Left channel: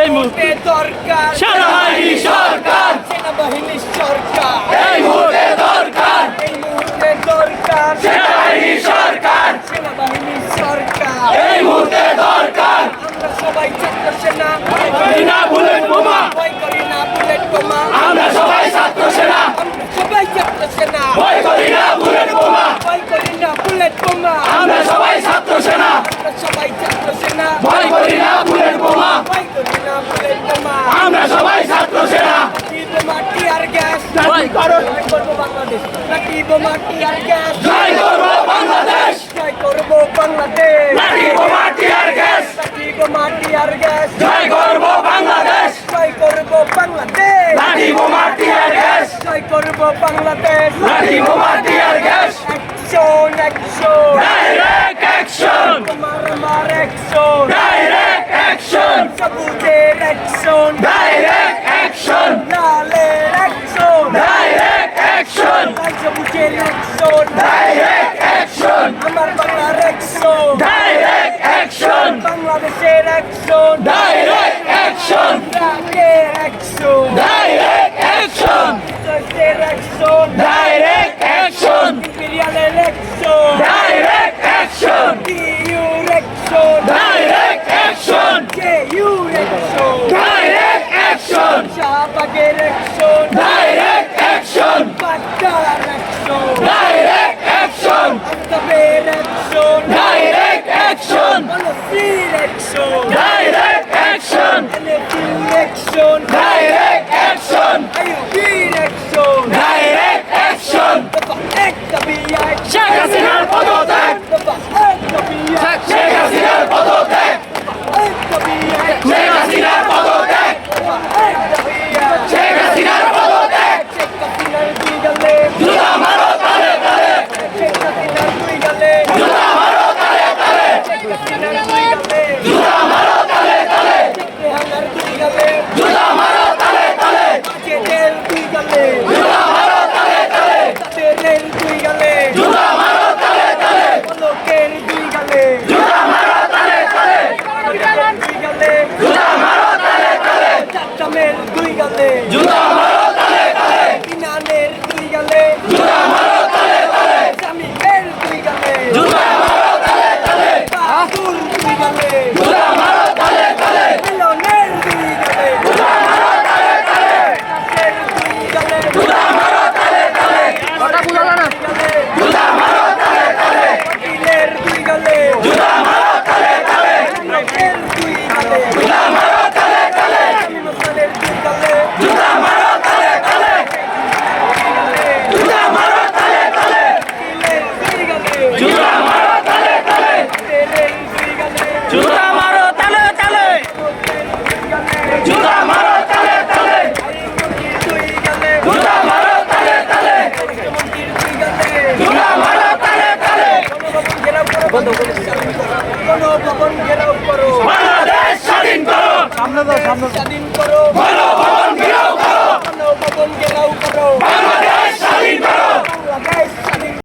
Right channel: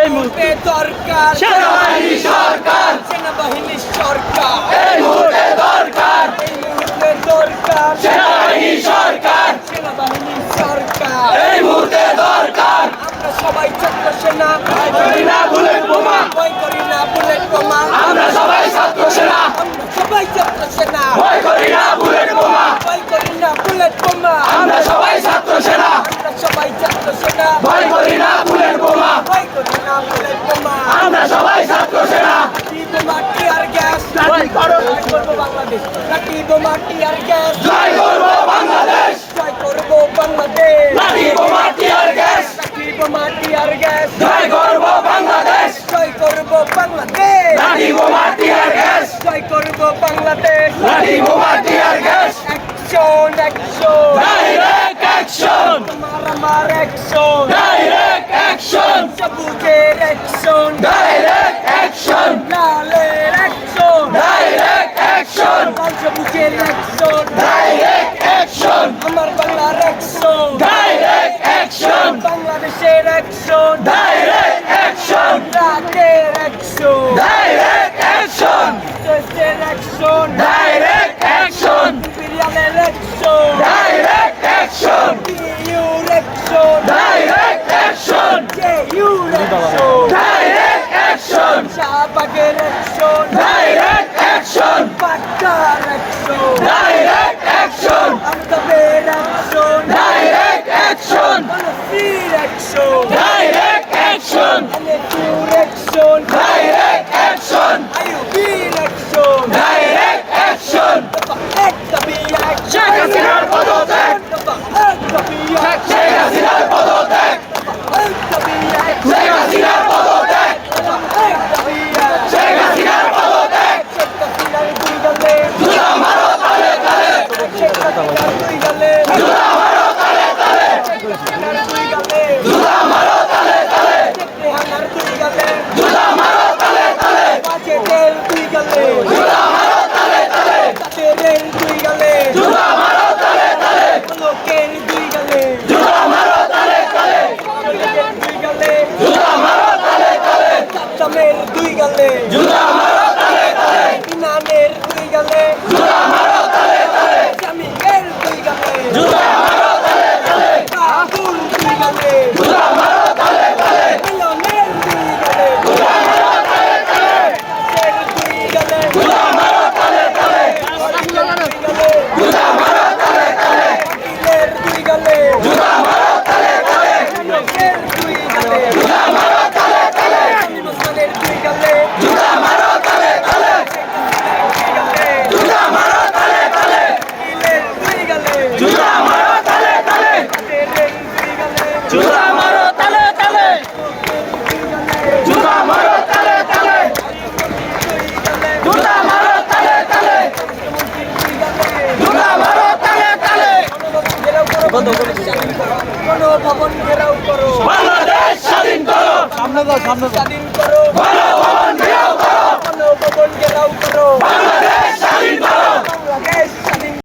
এই মুহূর্তে দরকার সেনাবাহিনী সরকার, সেনাবাহিনী সরকার এই মুহূর্তে দরকার, এই মুহূর্তে দরকার সেনাবাহিনী সরকার, সেনাবাহিনী সরকার এই মুহূর্তে দরকার। আমরা সবাই ছাত্র সেনা, ভয় করি না বুলেট বোমা, ভয় করি না বুলেট বোমা, আমরা সবাই ছাত্র সেনা, আমরা সবাই ছাত্র সেনা, ভয় করি না বুলেট বোমা, ভয় করি না বুলেট বোমা, আমরা সবাই ছাত্র সেনা, আমরা সবাই ছাত্র সেনা, ভয় করি না বুলেট বোমা, ভয় করি না বুলেট বোমা, আমরা সবাই ছাত্র সেনা। লাঠি বোমা টিয়ার গ্যাস জয় করব বাংলাদেশ, লাঠি বোমা টিয়ার গ্যাস জয় করব বাংলাদেশ, জয় করব বাংলাদেশ, লাঠি বোমা টিয়ার গ্যাস, লাঠি বোমা টিয়ার গ্যাস জয় করব বাংলাদেশ, জয় করব বাংলাদেশ, লাঠি বোমা টিয়ার গ্যাস জয় করব বাংলাদেশ, লাঠি বোমা tear gas. Action action direct action, তোমার আমার অ্যাকশন ডাইরেক্ট অ্যাকশন, সবুজের অ্যাকশন ডাইরেক্ট অ্যাকশন, লালের অ্যাকশন ডাইরেক্ট অ্যাকশন, লাল সবুজের অ্যাকশন ডাইরেক্ট অ্যাকশন, আমার বাংলার অ্যাকশন ডাইরেক্ট অ্যাকশন, বাংলাদেশের অ্যাকশন ডাইরেক্ট অ্যাকশন, রাগের অ্যাকশন ডাইরেক্ট অ্যাকশন, দেশের অ্যাকশন ডাইরেক্ট অ্যাকশন, ইম্পেরিয়ালের action direct action, your action direct action, your action direct action, শাহবাগের অ্যাকশন ডাইরেক্ট অ্যাকশন, পাটকার অ্যাকশন ডাইরেক্ট অ্যাকশন, আফতাবের action direct action, বনশ্রীর action direct action, এনএফইউর action direct action, আইইউবির action direct action, দফা এক দাবি এক শেখ হাসিনার পদত্যাগ, দফা এক দাবি এক শেখ হাসিনার পদত্যাগ, দফা এক দাবি এক শেখ হাসিনার পদত্যাগ, দফা এক দাবি এক শেখ হাসিনার পদত্যাগ, শেখ হাসিনার দুই গালে জুতা মারো তালে তালে, শেখ হাসিনার দুই গালে জুতা মারো তালে তালে, শেখ হাসিনার দুই গালে জুতা মারো তালে তালে, শেখ রেহানার দুই গালে জুতা মারো তালে তালে, বাজেটের দুই গালে জুতা মারো তালে তালে, তাদের দুই গালে জুতা মারো তালে তালে, লোকের দুই গালে জুতা মারো তালে তালে, দুই গালে জুতা মারো তালে তালে, চাচামের দুই গালে জুতা মারো তালে তালে, ইনানের দুই গালে জুতা মারো তালে তালে, জামিলের দুই গালে জুতা মারো তালে তালে, বাহাদুর দুই গালে জুতা মারো তালে তালে, মিলনের দুই গালে জুতা মারো তালে তালে, নাচের দুই গালে জুতা মারো তালে তালে, জুতা মারো তালে তালে, পাটিলের দুই গালে জুতা মারো তালে তালে, লোকের দুই গালে জুতা মারো তালে তালে, আমি মসলানের দুই গালে জুতা মারো তালে তালে, জুতা মারো তালে তালে, পাটিলের দুই গালে জুতা মারো তালে তালে, তেরের দুই গালে জুতা মারো তালে তালে, জুতা মারো তালে তালে, দুই গালে জুতা মারো তালে তালে, জুতা মারো তালে তালে, গণভবন ঘেরাও করো, বাংলাদেশ স্বাধীন করো, স্বাধীন করো গণভবন ঘেরাও করো